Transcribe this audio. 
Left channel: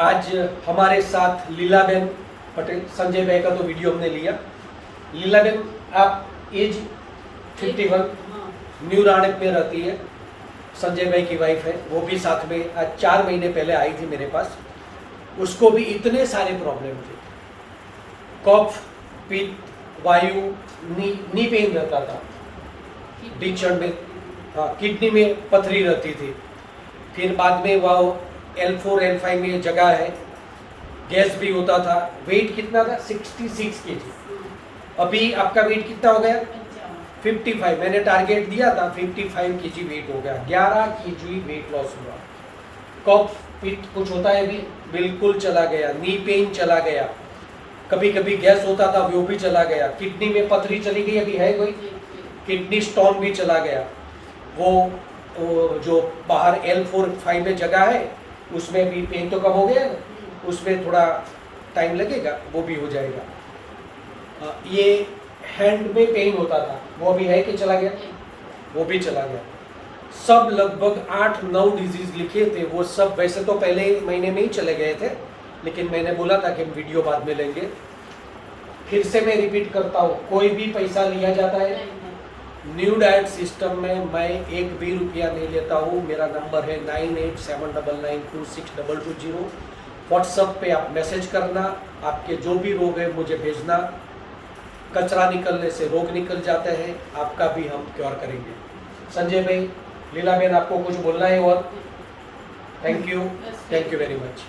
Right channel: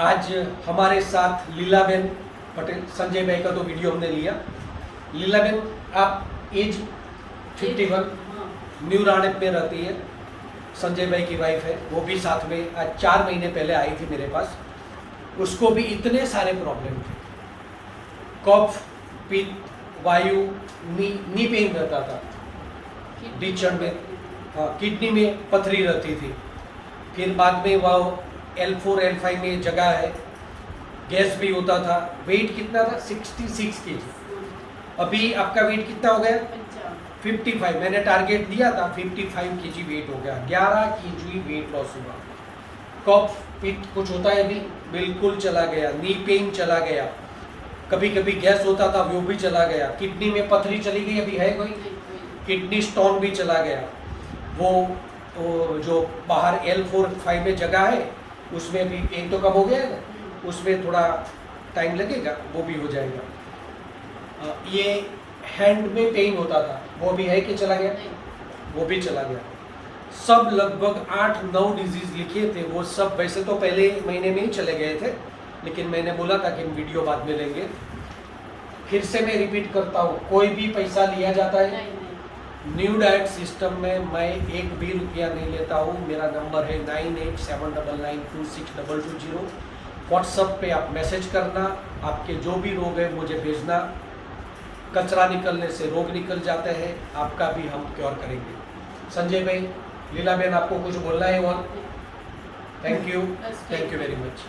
आज हमारे साथ लीलाबेन पटेल, संजय भाई का तो वीडियो हमने लिया। लीलाबेन, आप एज 51, न्यू राणेत में रहती है। संजय भाई की वाइफ है, वो भी साथ में आज 4 महीने पहले आई थी मेरे पास। उसको भी इतने सारे प्रॉब्लम थे, कफ, पित्त, वायु, नी पेन रहता था, बीचड़ में, हाँ, किडनी में पथरी रहती थी। फिर बाद में वह L4 L5 में जगह है, गैस भी होता था। वेट कितना था? 66 kg। अभी आपका वेट कितना हो गया? 55। मैंने टारगेट दिया था, 55 kg वेट हो गया, 11 kg वेट लॉस हुआ। कफ पित्त कुछ होता है अभी? बिल्कुल चला गया। नी पेन चला गया। कभी कभी गैस होता था, वो भी चला गया। किडनी में पथरी चली गई, अभी है कोई? किडनी स्टोन भी चला गया। वो जो बाहर L4 5 में जगह है, उसमें भी पेन तो कम हो गया है, उसमें थोड़ा टाइम लगेगा, वो भी हो जाएगा। ये हैंड में पेन होता था, वो भी है कि चला गया? वो भी चला गया। सब लगभग 8-9 डिजीज लिखे थे, वो सब वैसे तो पहले महीने में ही चले गए थे, लेकिन मैंने बोला था कि हम वीडियो बाद में लेंगे। फिर से मैं रिपीट करता हूँ, कोई भी पैसा लिया जाता है न्यू डाइट सिस्टम में, मैं 1 भी रुपया नहीं लेता हूँ। मेरा नंबर है 9879926220। व्हाट्सएप पे आप मैसेज करना, आपके जो भी रोग है मुझे भेजना। कचरा निकलने से रोग निकल जाते हैं, आपका भी हम क्योर करेंगे। संजय भाई, लीलाबेन, आपको कुछ बोलना है और? Thank you very much.